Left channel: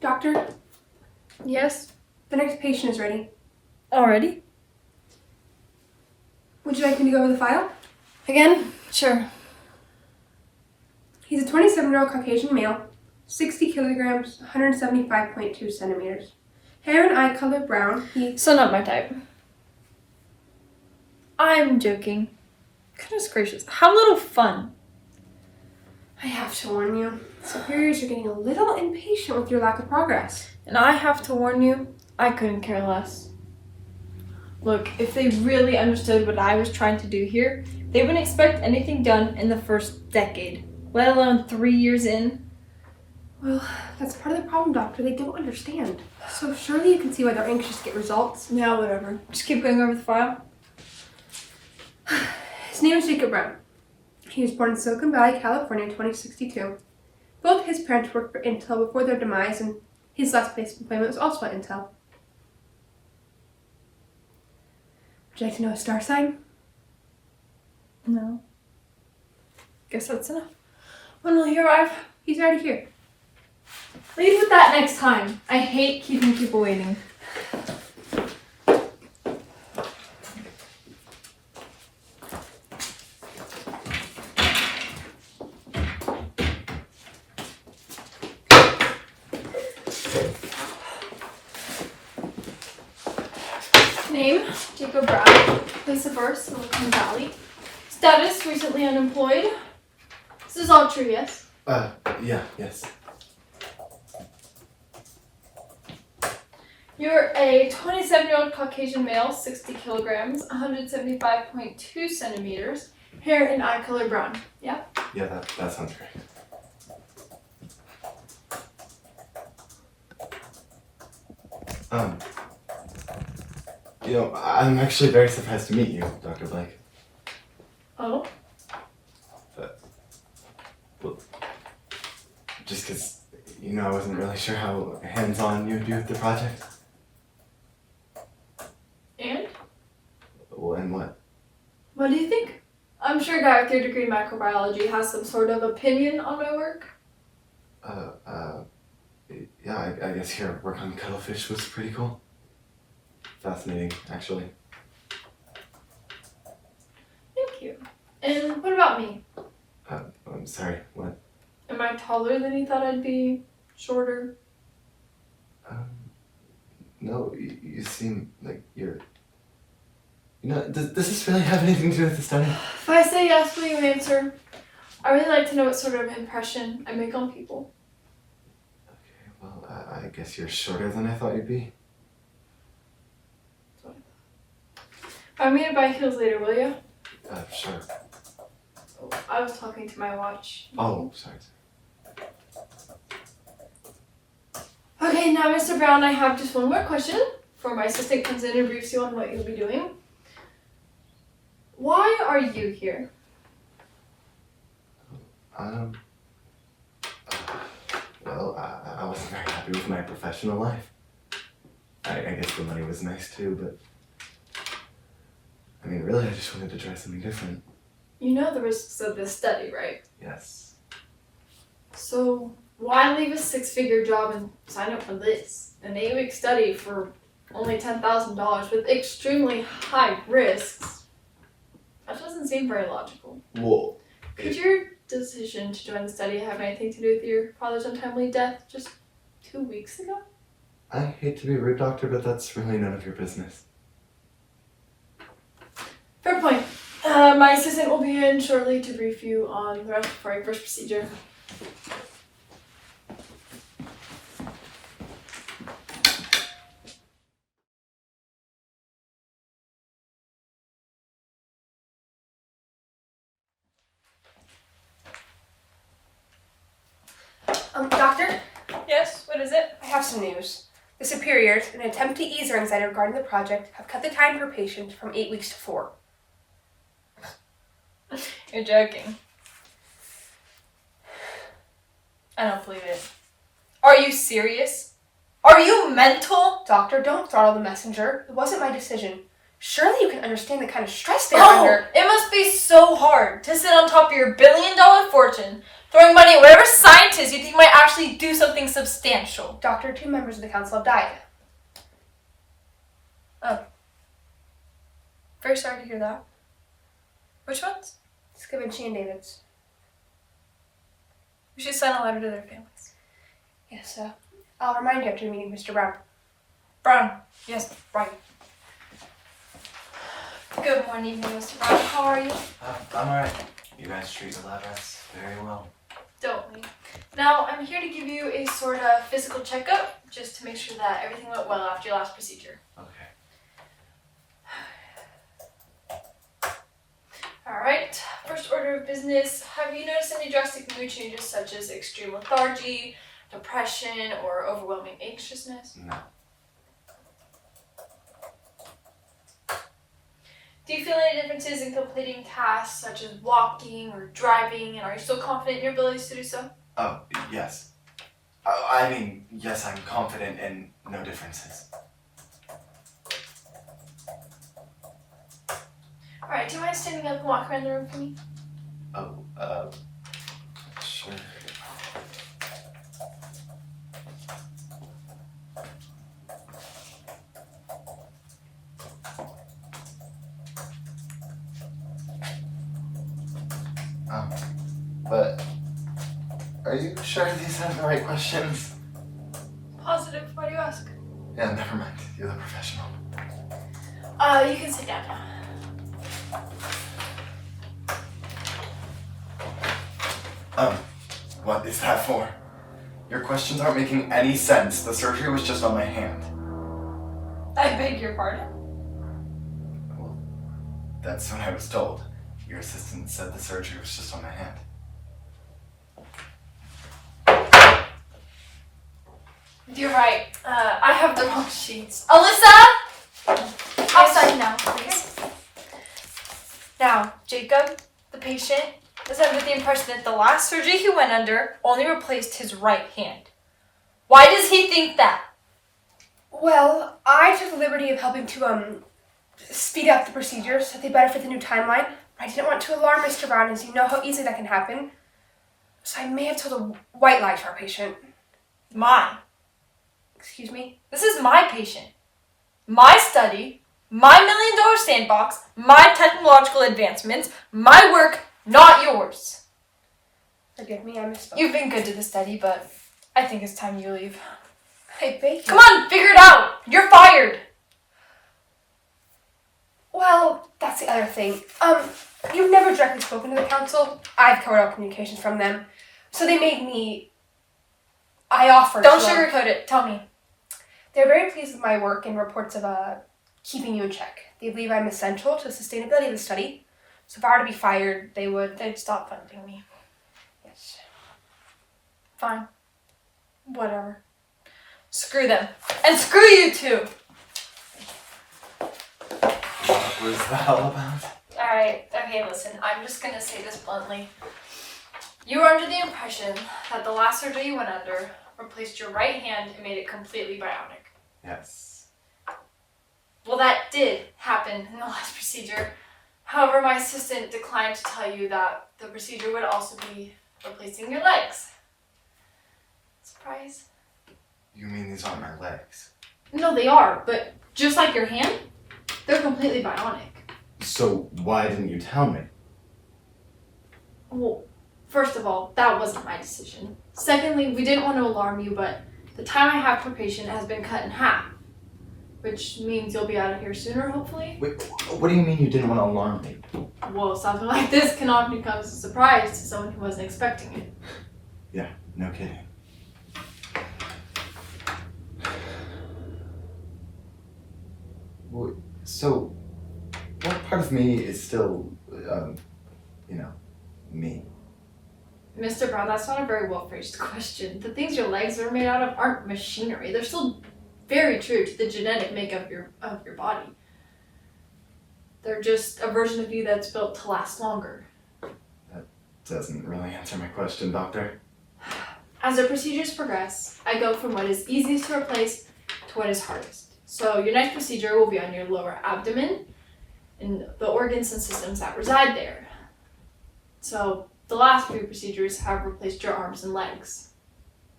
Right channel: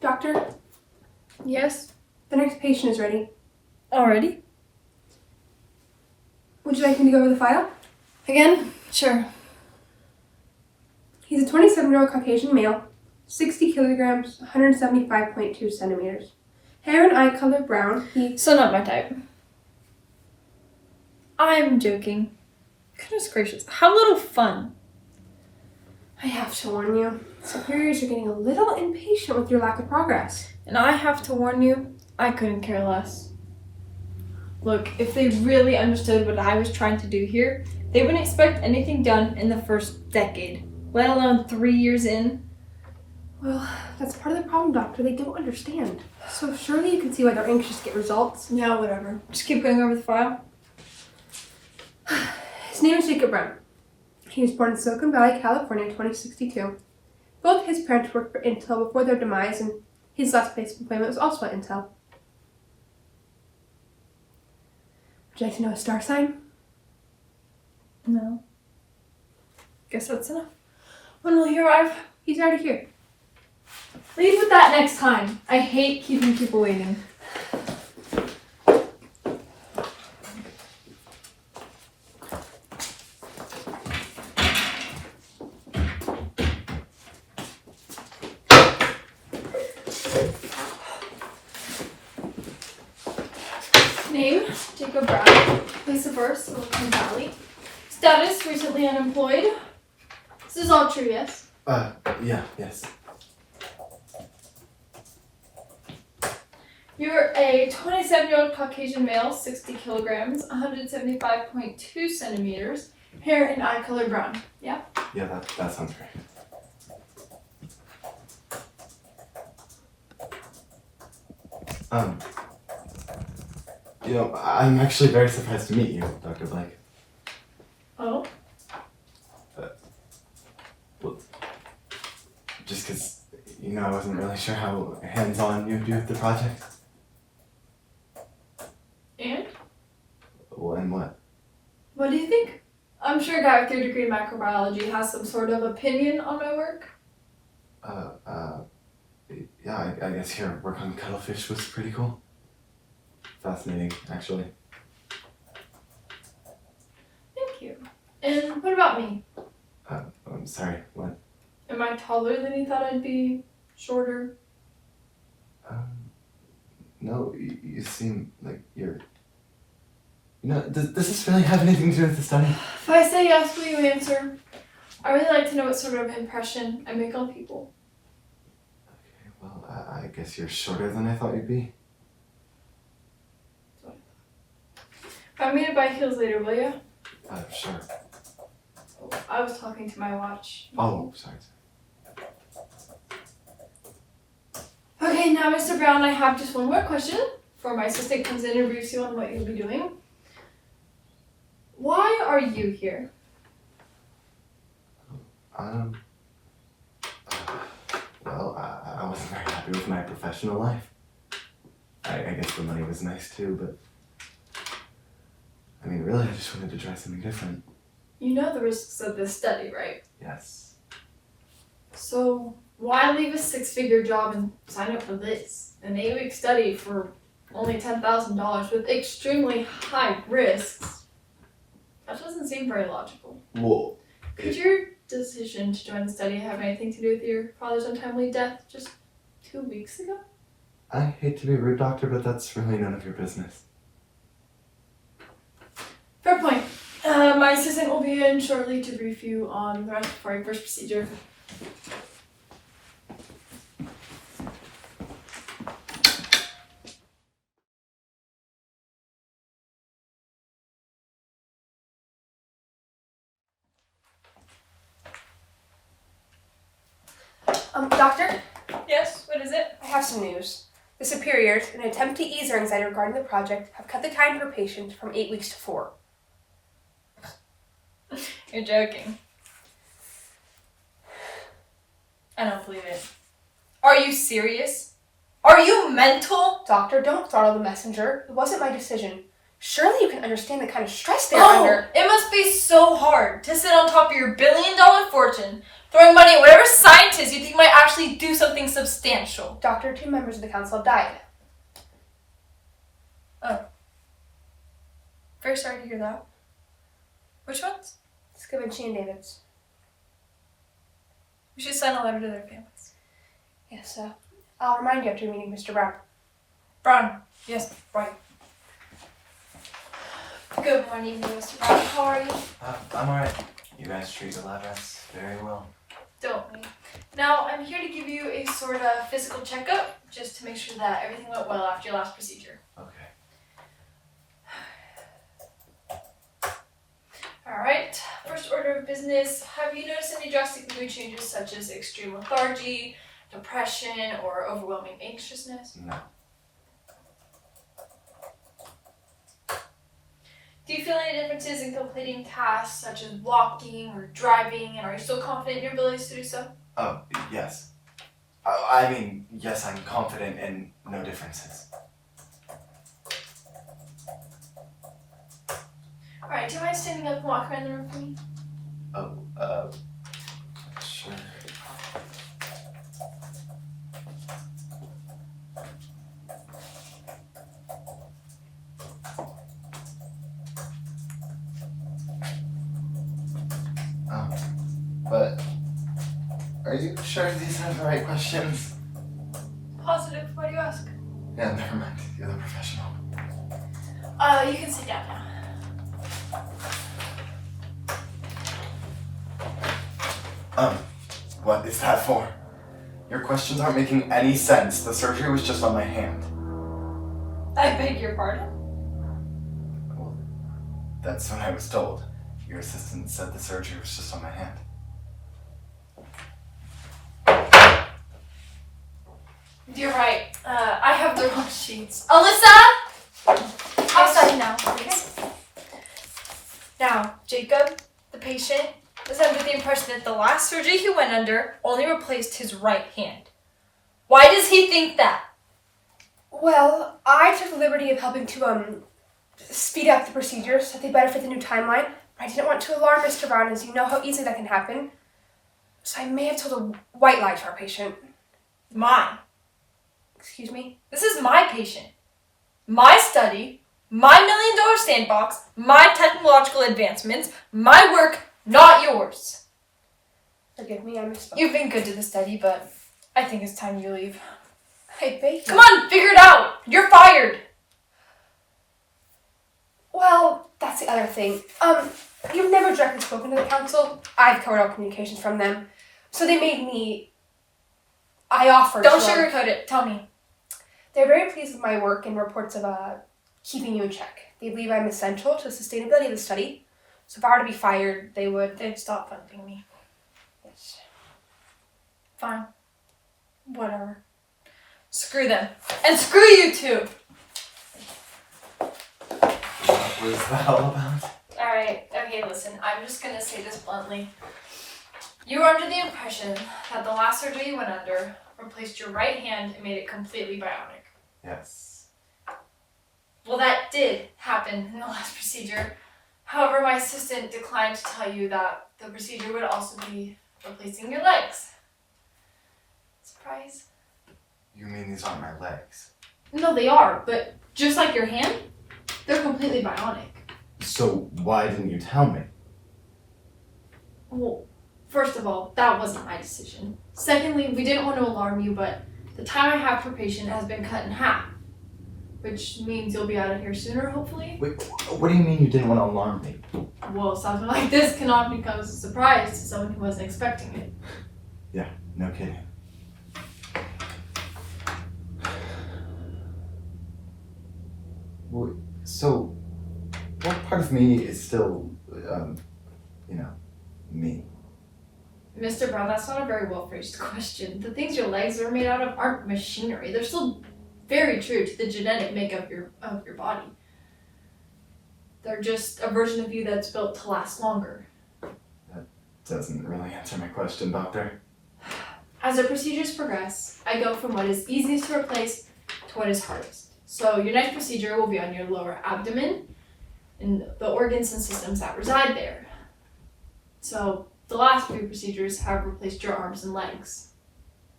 Doctor? Yes? The next patient is ready. Already? Would you like me to go over the file? Again? Sure. He's a 27-year-old Caucasian male, 60 kilograms, 175.2 centimeters. Hair and eye color brown. So not my type. I'm joking. Goodness gracious. How little fun. I have to warn you, superiors are getting a little impatient with your lack of progress. And I have to warn you, I couldn't care less. Look, if they really understood what I was trying to do here, they wouldn't expect anything done in the first decade, let alone 3 years in. Well, that's part of the problem, Doctor. They don't understand. So surely you can see why they're anxious to get results. Yeah, whatever. Just keep going over the file. His name is Jacob Brown. He was born in Silicon Valley, California in 2062. Both his parents worked for Intel before their demise, and his last place of employment was also at Intel. Would you like to know his star sign? No. Guess that's enough. When will he arrive? He's already here. Leave with that next time. I hate keeping people waiting. Name, Jacob Brown. Place of birth, Silicon Valley. Status, recently unemployed. This is all true, yes? Yes. You're a 27-year-old Caucasian male, 60 kilograms, 175.2 centimeters, hair and eye color brown. Yeah? Yeah, that sounds great. I'm actually very surprised to meet you, Dr. Blake. Oh? Well, just because, I wasn't really sure how hands-on you'd be with the project. And? Well, and what? What do you think? I'm sure a guy with your degree in microbiology has some sort of opinion on my work. Yeah, I guess your work on cuttlefish was pretty cool. Fascinating, actually. Thank you. And what about me? I'm sorry, what? Am I taller than you thought I'd be? Shorter? No, you seem like you're... does this really have anything to do with the study? If I say yes, will you answer? I really like to know what sort of impression I make on people. Okay, well, I guess you're shorter than I thought you'd be. Buy me to buy heels later, will you? Sure. I was talking to my watch. Oh, sorry. Okay, now Mr. Brown, I have just one more question before my assistant comes in and briefs you on what you'll be doing. Why are you here? Well, I wasn't very happy with my professional life. I guess the money was nice too, but really, I just wanted to try something different. You know the risks of this study, right? Yes. So why leave a 6-figure job and sign up for this? An 8-week study for only $10,000 with extremely high risks? That doesn't seem very logical. Well, Could your decision to join the study have anything to do with your father's untimely death just 2 weeks ago? I hate to be rude, Doctor, but that's really none of your business. Fair point. My assistant will be in shortly to brief you on the respiratory first procedure. Doctor? Yes, what is it? I have some news. The superiors, in an attempt to ease their anxiety regarding the project, have cut the time per patient from 8 weeks to 4. You're joking. I don't believe it. Are you serious? Are you mental? Doctor, don't throttle the messenger. It wasn't my decision. Surely you can understand the kind of stress they're under. It must be so hard to sit on top of your $1 billion fortune, Throwing money at whatever scientist you think might actually do something substantial. Doctor, 2 members of the council have died. Oh. Very sorry to hear that. Which ones? Scavinci and Davids. We should send a letter to their families. Yes, I'll remind you after your meeting, Mr. Brown. Brown. Yes, right. Good morning, Mr. Brown. How are you? I'm alright. You guys treat the lab rats very well. Don't we? Now, I'm here to give you a sort of physical checkup, just to make sure that everything went well after your last procedure. Okay. Alright, first order of business. Have you noticed any drastic mood changes such as extreme lethargy, depression, or overwhelming anxiousness? No. Do you feel any differences in completing tasks such as walking or driving, and are you still confident in your abilities to do so? Oh, yes. Yes, I'm confident in no differences. Alright, do you mind standing up and walk around the room for me? Oh, sure. But are you sure these are the right questions? Positive. Why do you ask? Yeah, never mind. You're the professional. You can sit down now. What is that for? Your questions aren't making any sense. The surgery was just on my hand. I beg your pardon? Well, that's what I was told. Your assistant said the surgery was just on my hand. You're right. I have the wrong sheets. Alyssa! Outside now, please. Now, Jacob, the patient, is under the impression that the last surgery he went under only replaced his right hand. Why does he think that? Well, I took the liberty of helping to, speed up the procedure so that they better fit the new timeline. But I didn't want to alarm Mr. Brown, as you know how easily that can happen. So I may have told a white lie to our patient. Mine. Excuse me? This is my patient. My study, my $1 million sandbox, my technological advancements, my work, not yours. Forgive me, I misspoke. You've been good to the study, but I think it's time you leave. I beg you. Come on, figure it out! You're fired! Well, that's the other thing. You've never directly spoken to the council. I've covered all communications from them. So they made me... I offered Don't to... sugarcoat it. Tell me. They're very pleased with my work and reports of keeping you in check. They believe I'm essential to the sustainability of the study. So if I were to be fired, they'd stop funding me. Yes. Fine. Whatever. Screw them. And screw you too! What was that all about? Alright, okay, listen. I'm just gonna say this bluntly. You were under the impression that the last surgery you went under replaced your right hand and made it completely bionic. Yes. Well, that did happen in the last procedure. However, my assistant declined to tell you that the procedure would also be replacing your legs. Surprise. You mean these aren't my legs? No, they are, but just like your hand, they're completely bionic. So why didn't you tell me? Well, first of all, that wasn't my decision. Secondly, we didn't want to alarm you, but the time I have per patient has been cut in half, which means you'll be out of here sooner, hopefully. Wait, what do you mean you didn't want to alarm me? Well, something like this can often come as a surprise to someone who wasn't expecting it. Yeah, no kidding. Well, so, what part of me is still, me? Mr. Brown, that's not a very well phrased question. The things your legs are made out of aren't machinery. They're still very true to the genetic makeup of your body. They're just a version of you that's built to last longer. That doesn't really answer my question, doctor. As the procedures progress, I go from what is easiest to replace to what is hardest. So your next procedure will be on your lower abdomen and the organs and systems that reside there. So The last few procedures have replaced your arms and legs.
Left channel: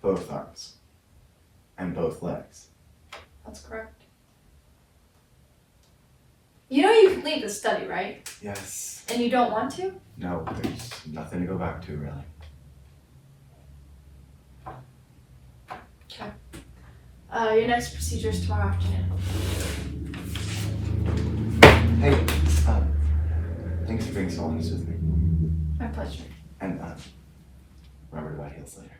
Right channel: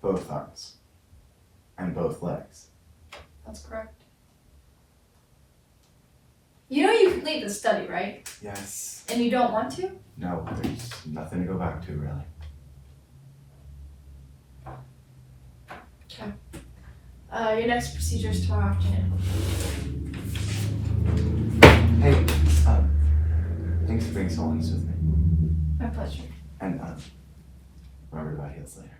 Both arms. And both legs. That's correct. You know you can leave the study, right? Yes. And you don't want to? No, there's nothing to go back to, really. Okay. Your next procedure is tomorrow afternoon. Hey, thanks for being so honest with me. My pleasure. And, remember to buy heels later.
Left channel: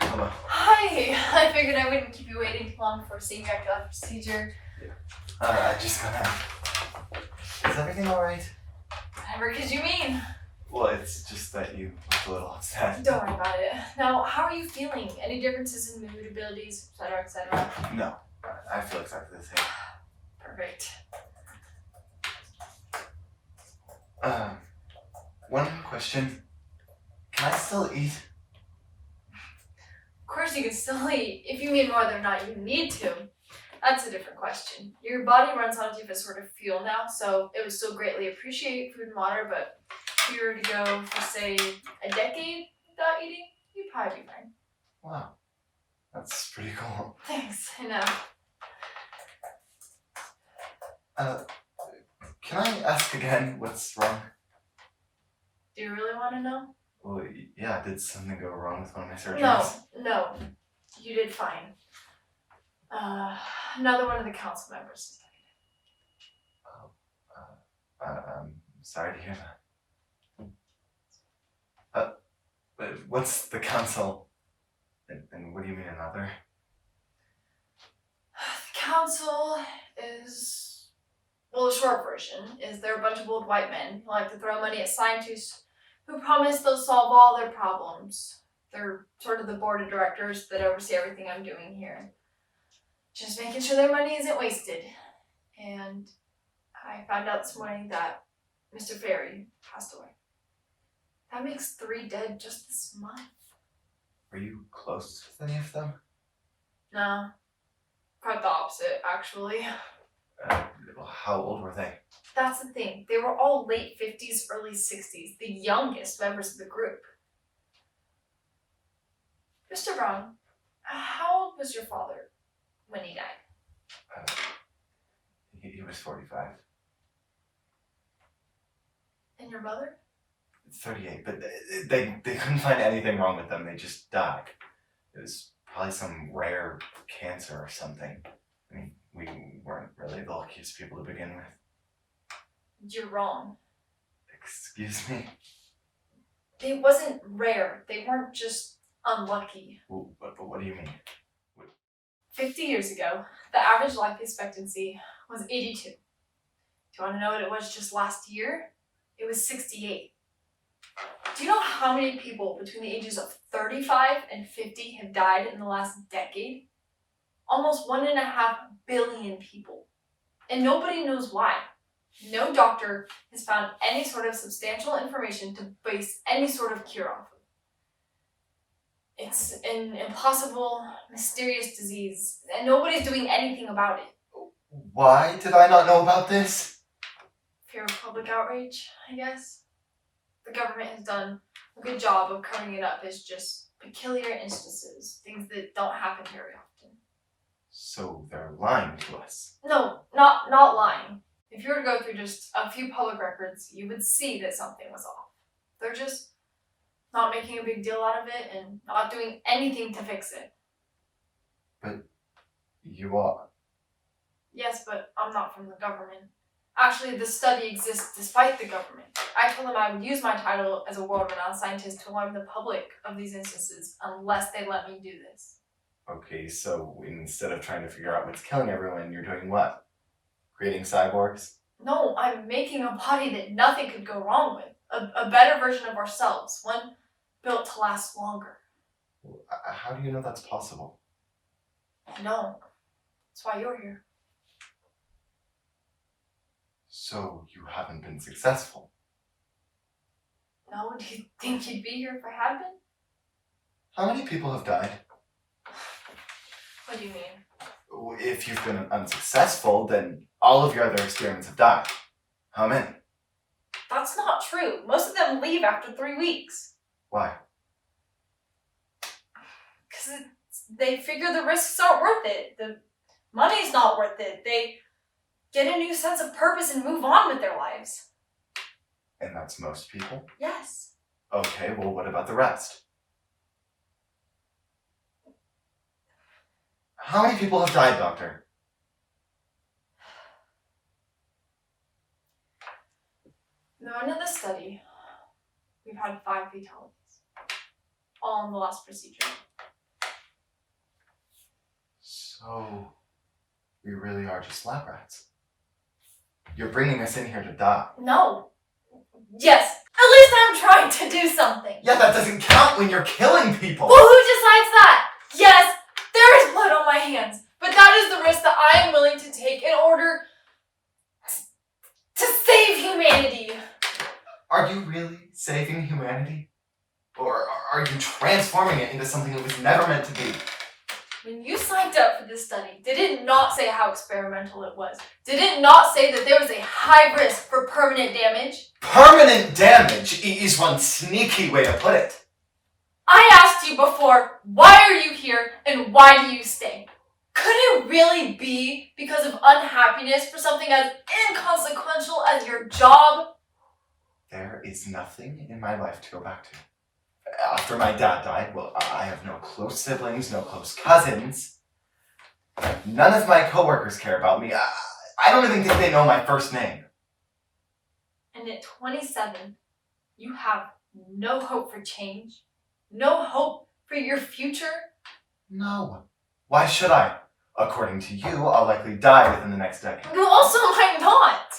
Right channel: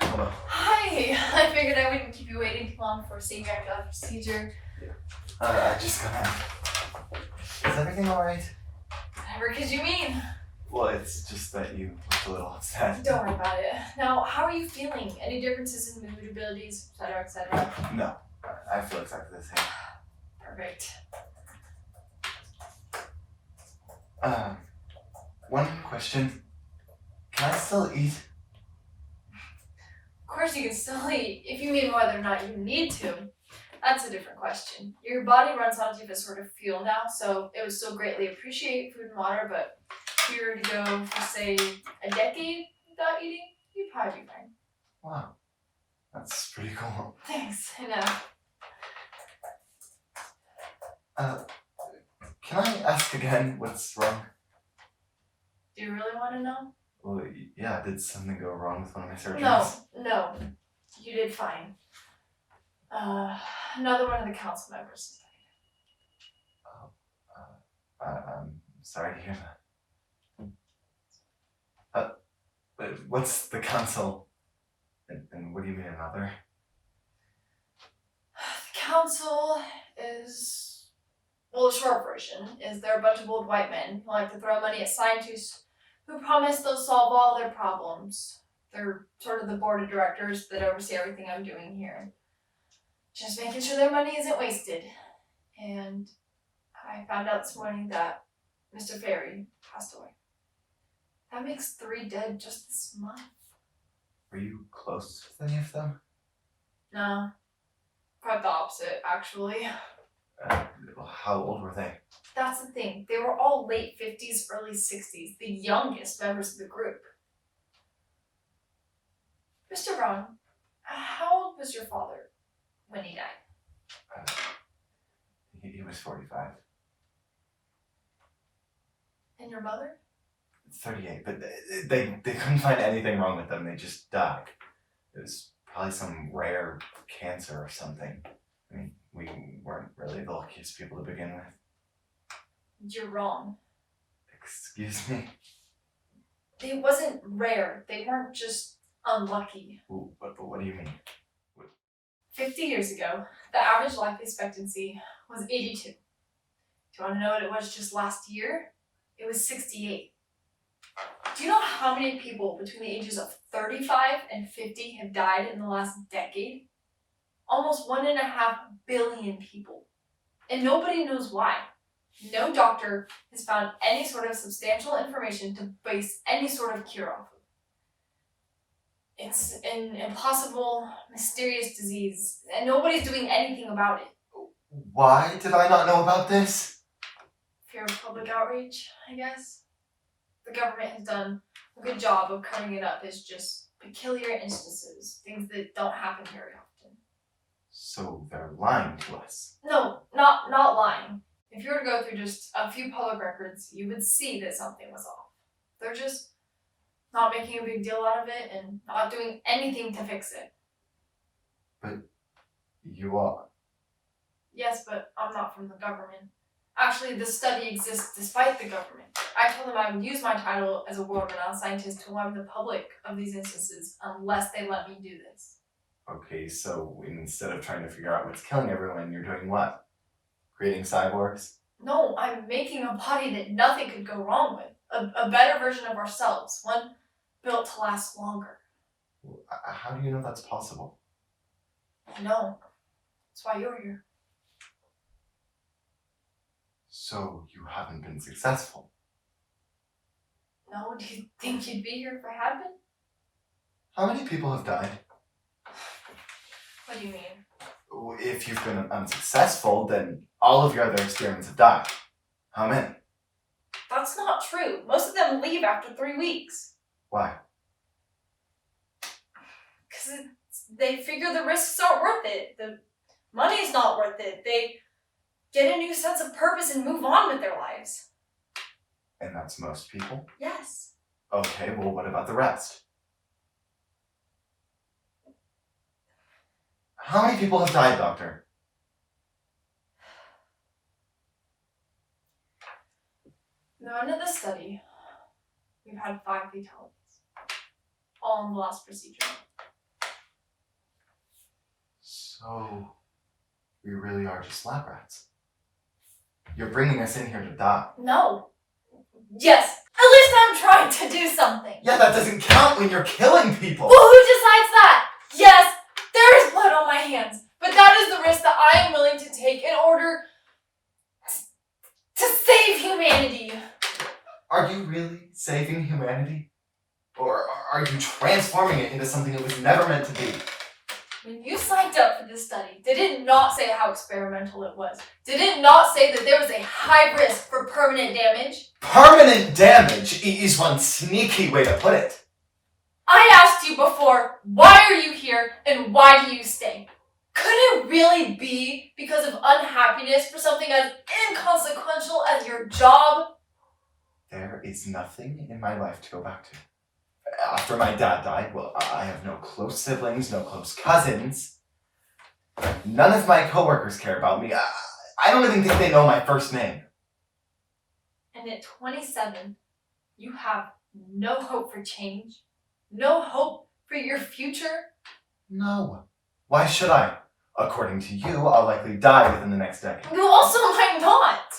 Hello. Hi! I figured I wouldn't keep you waiting too long before seeing your actual procedure. I just got out. Is everything alright? Whatever could you mean? Well, it's just that you look a little upset. Don't worry about it. Now, how are you feeling? Any differences in mood, abilities, etc., etc.? No, I feel exactly the same. Perfect. One question. Can I still eat? Of course you can still eat, if you mean whether or not you need to. That's a different question. Your body runs on a different sort of fuel now, so it would still greatly appreciate food and water, but if you were to go for, say, a decade without eating, you'd probably be fine. Wow. That's pretty cool. Thanks, I know. Can I ask again what's wrong? Do you really want to know? Well, yeah, did something go wrong with one of my surgeries? No. You did fine. Another one of the council members died. I'm sorry to hear that. But what's the council? And what do you mean another? The council is, well, the short version is they're a bunch of old white men who like to throw money at scientists who promise they'll solve all their problems. They're sort of the board of directors that oversee everything I'm doing here. Just making sure their money isn't wasted. And I found out this morning that Mr. Ferry passed away. That makes 3 dead just this month. Were you close with any of them? No, quite the opposite, actually. How old were they? That's the thing. They were all late 50s, early 60s, the youngest members of the group. Mr. Brown, how old was your father when he died? He was 45. And your mother? 38, but they couldn't find anything wrong with them. They just died. It was probably some rare cancer or something. I mean, we weren't really the luckiest people to begin with. You're wrong. Excuse me? It wasn't rare. They weren't just unlucky. But what do you mean? 50 years ago, the average life expectancy was 82. Do you want to know what it was just last year? It was 68. Do you know how many people between the ages of 35 and 50 have died in the last decade? Almost 1.5 billion people. And nobody knows why. No doctor has found any sort of substantial information to base any sort of cure off of. It's an impossible, mysterious disease, and nobody's doing anything about it. Why did I not know about this? Fear of public outrage, I guess. The government has done a good job of covering it up as just peculiar instances, things that don't happen very often. So they're lying to us. No, not lying. If you were to go through just a few public records, you would see that something was off. They're just not making a big deal out of it and not doing anything to fix it. But you are. Yes, but I'm not from the government. Actually, this study exists despite the government. I told them I would use my title as a world-renowned scientist to alarm the public of these instances unless they let me do this. Okay, so instead of trying to figure out what's killing everyone, you're doing what? Creating cyborgs? No, I'm making a body that nothing could go wrong with. A better version of ourselves, one built to last longer. How do you know that's possible? I know. That's why you're here. So you haven't been successful? No, do you think you'd be here if I had been? How many people have died? What do you mean? If you've been unsuccessful, then all of your other experiments have died. How many? That's not true. Most of them leave after 3 weeks. Why? Because they figure the risks aren't worth it. The money's not worth it. They get a new sense of purpose and move on with their lives. And that's most people? Yes. Okay, well, what about the rest? How many people have died, Doctor? At the end of the study, we've had 5 fatalities. All in the last procedure. So, we really are just lab rats. You're bringing us in here to die. No. Yes. At least I'm trying to do something. Yeah, that doesn't count when you're killing people. Well, who decides that? Yes, there is blood on my hands, but that is the risk that I am willing to take in order to save humanity. Are you really saving humanity? Or are you transforming it into something it was never meant to be? When you signed up for this study, did it not say how experimental it was? Did it not say that there was a high risk for permanent damage? Permanent damage is one sneaky way to put it. I asked you before, why are you here and why do you stay? Could it really be because of unhappiness for something as inconsequential as your job? There is nothing in my life to go back to. After my dad died, well, I have no close siblings, no close cousins. None of my coworkers care about me. I don't even think they know my first name. And at 27, you have no hope for change? No hope for your future? No. Why should I? According to you, I'll likely die within the next decade. You also might not.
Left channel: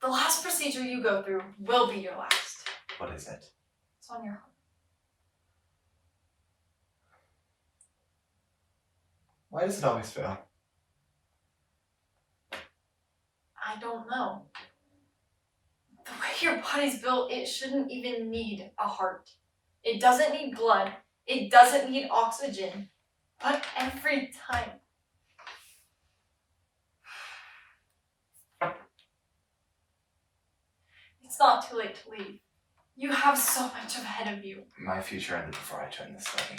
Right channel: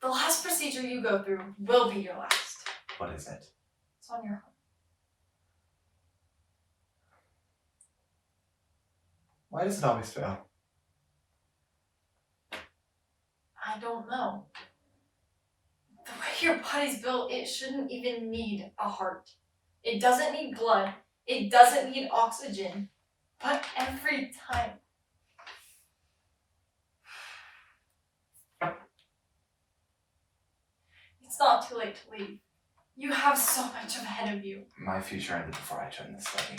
The last procedure you go through will be your last. What is it? It's on your heart. Why does it always fail? I don't know. The way your body's built, it shouldn't even need a heart. It doesn't need blood. It doesn't need oxygen. But every time. It's not too late to leave. You have so much ahead of you. My future ended before I joined this study.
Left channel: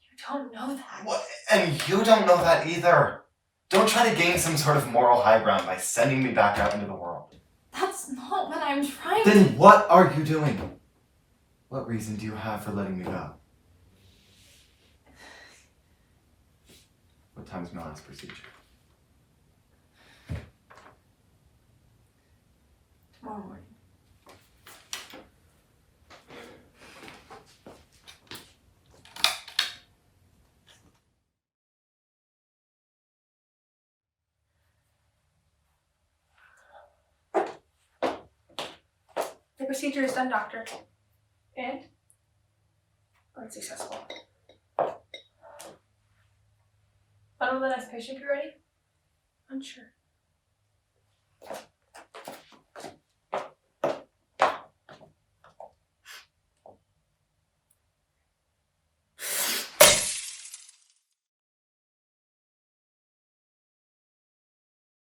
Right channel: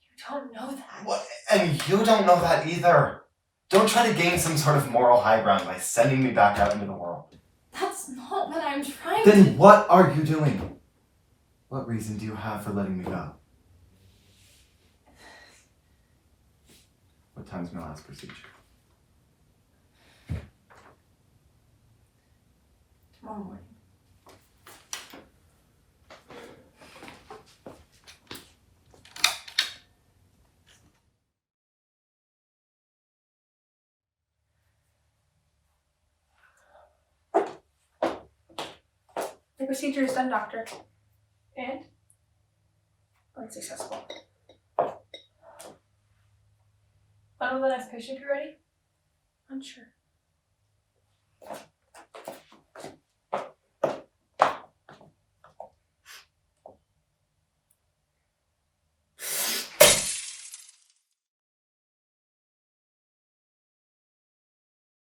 You don't know that. What? And you don't know that either. Don't try to gain some sort of moral high ground by sending me back out into the world. That's not what I'm trying to... Then what are you doing? What reason do you have for letting me go? What time's my last procedure? Tomorrow morning. The procedure is done, Doctor. And? Unsuccessful. When will the next patient be ready? Unsure.